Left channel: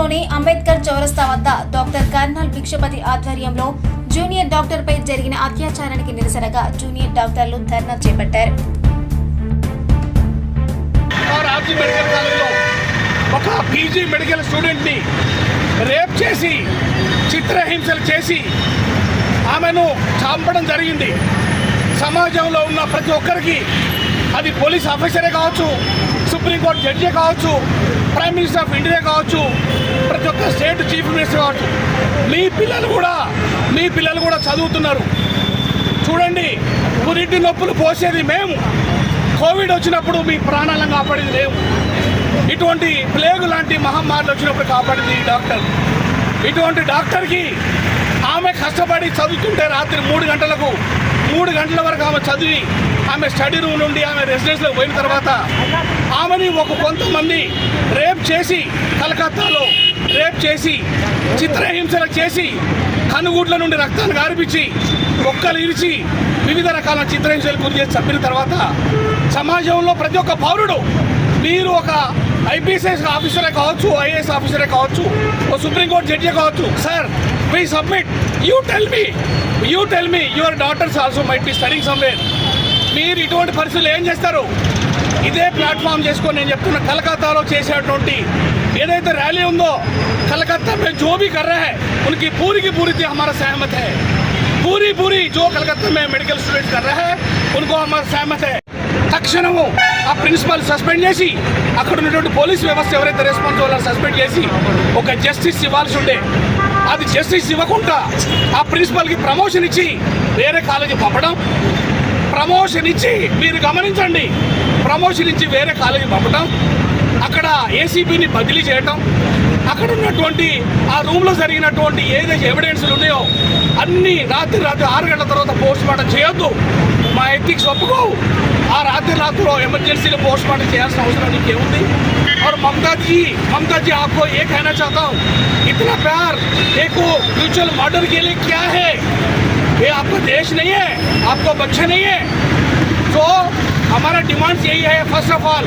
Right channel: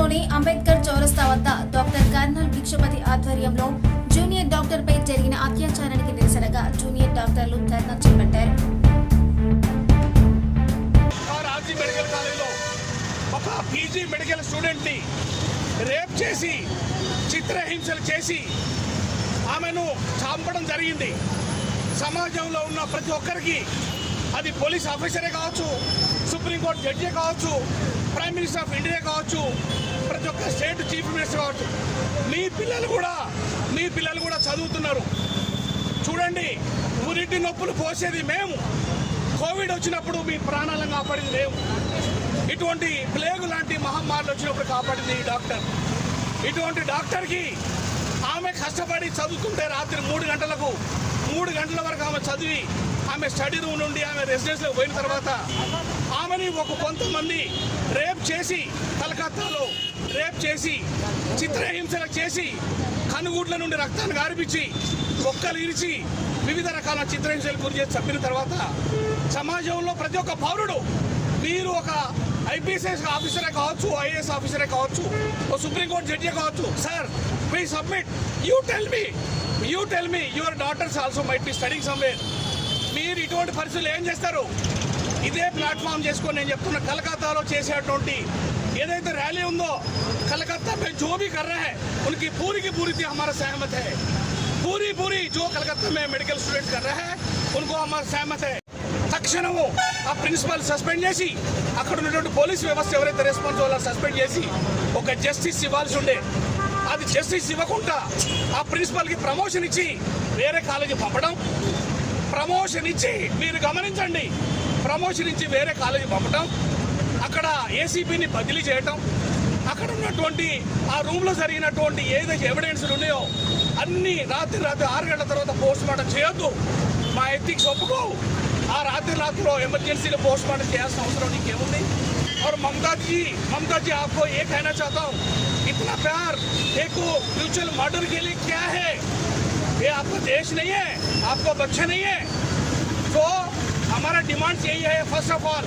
నగరంలోని అంబేద్కర్ చౌరస్తా వద్ద డాక్టర్ కర్నల్ భిక్షపతి ఆధ్వర్యంలో జూనియర్ డాక్టర్ పై జరిగిన అత్యాచారానికి నిరసనగా జూనియర్ డాక్టర్లు ధర్నా చేపట్టారు. ఒక పీజీ మెడికల్ స్టూడెంట్ ని రేప్ చేసి చిత్రహింసలు చేసి ఆమెను చంపడం జరిగింది. సమాజంలో ఉన్న ప్రతి ఒక్కరికి, అది పోలీస్ ఆఫీసరే కావచ్చు, సుప్రీంకోర్టు జడ్జే కావచ్చు, ప్రైమ్ మినిస్టర్ ఆఫ్ ఇండియా కావచ్చు, ప్రతి ఒక్క స్టేట్ చీఫ్ మినిస్టర్ కావచ్చు, మీ పిల్లలు కూడా చదువుతున్నారు. చూడండి, పురిటి నొప్పులు పోసేది మేము, కోవిడ్ వచ్చినప్పుడు మీ ప్రాణాలను కాపాడింది మేము, ఇటువంటి ప్లేగు లాంటి మహమ్మారులు వచ్చినప్పుడు కాపాడింది ఈ డాక్టర్. ఇటువంటి డాక్టర్కి ఆమె కష్టపడి చదువుతుంటే రాత్రి 3 గంటల వరకు ఆమె చదివి ఆమె స్టడీ రూమ్ నుండి ఆమె రెసిడెన్స్లోకి పోయిన తర్వాత ఆమెని కొంతమంది రేప్ చేసి, కలకత్తాలో రేప్ చేసి, చిత్రహింసలు చేసి, కనుగుడ్ల నుండి రక్తాన్ని గారిపించి, ఒక్కలు ఇరిచి, వివిధ రకాల చిత్రహింసలు గురి చేసి చంపిన తర్వాత సమాజంలో ప్రతి ఒక్క పౌరుడు, మీరు ఒక ఐపీఎస్ ఆఫీసరే కావచ్చు, ఐఏఎస్ ఆఫీసరే కావచ్చు, ఓ సుప్రీంకోర్టు జడ్జి కావచ్చు, sir we submit, you tell me your daughters also might be studying somewhere. మీరు ఇటువంటి పరిస్థితులు ఏం చేస్తారు? ఇదే ప్లాట్ఫామ్ చేసుకొని నేను చెప్తున్నా, కలకత్తాలో చేసేటువంటి ఏదైతే ర్యాలీ ఉందో, कलकत्ता में जो भी कर रहे हैं उनकी पूरी की पूरी हमारा सहमत है. पूरी जो कलकत्ता में मेडिकल स्टूडेंट्स कर रहे हैं उनको हमारा सहमत है. తక్షణము ఆ ప్రిన్సిపల్ సస్పెండ్ చేసి, అక్కడ ఉన్నటువంటి పోలీస్ వ్యవస్థ ఎవరైతే రెస్పాన్సిబుల్ సస్పెండ్ చేసి ఒక జస్టిస్ ఇవ్వాల్సి ఉండే, అది జస్టిస్ ఇవ్వకుండా ఆ ప్రిన్సిపల్కి ప్రమోషన్ ఇచ్చి వేరే కాలేజీ పంపడం, ప్రమోషన్ ఇచ్చి మీరు గమనించండి, ప్రమోషన్ ఇచ్చి వేరే కాలేజీ పంపడం, అక్కడ ఏసీపీని బదిలీ చేయటం, అక్కడ ఉన్నటువంటి ఆ రూమ్లో జరిగినటువంటి ఏదైతే ఎవిడెన్స్లు ఉన్నాయో అన్నీ రాత్రి 6 గంటల తర్వాత పోస్ట్ మార్టం చేయొద్దు. మా ఎథిక్స్ ఒప్పుకోవు. ఆ రాత్రిలో ఎమర్జెన్సీలో పోస్ట్ మార్టం చేయాల్సిన అవసరం ఇంకేముంది? और ममता जी आपको ये कहना चाहता हूँ, इतना प्यार एक म्यूचुअल मर्डर के लिए क्या है? ये आपका देश नहीं है, आपका बच्चे नहीं है. तो हमारा डिमांड यही है, फर्स्ट ऑफ ऑल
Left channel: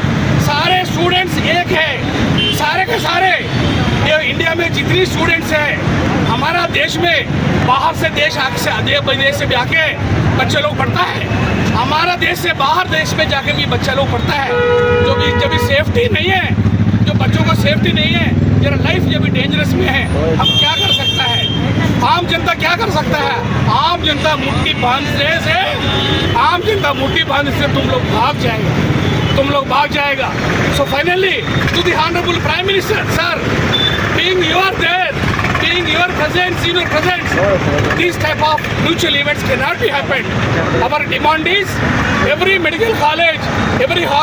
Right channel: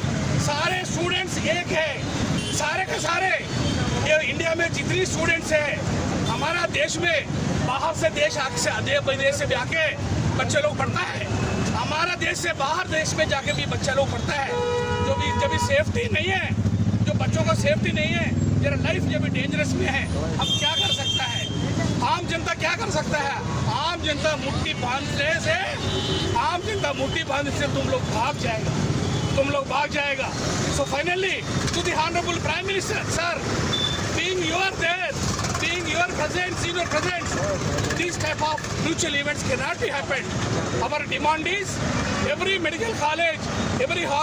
सारे स्टूडेंट्स एक है, सारे के सारे ये इंडिया में जितनी स्टूडेंट्स हैं, हमारा देश में बाहर से देश विदेश से भी आके बच्चे लोग पढ़ता है, हमारा देश से बाहर देश में जाके भी बच्चा लोग पढ़ता है. जब भी सेफ्टी नहीं है, जो बच्चों को सेफ्टी नहीं है, जरा लाइफ जब भी डेंजरस में है, हम क्या कर सकता है? आम जनता क्या कर सकता है? आम जनता मुट्ठी बांधने से तुम लोग भाग जाएगा. So finally to the honorable prime minister sir, being you are there, being your presence, senior presence, these type of mutual events cannot be happened. Our demand is every medical college, every hospital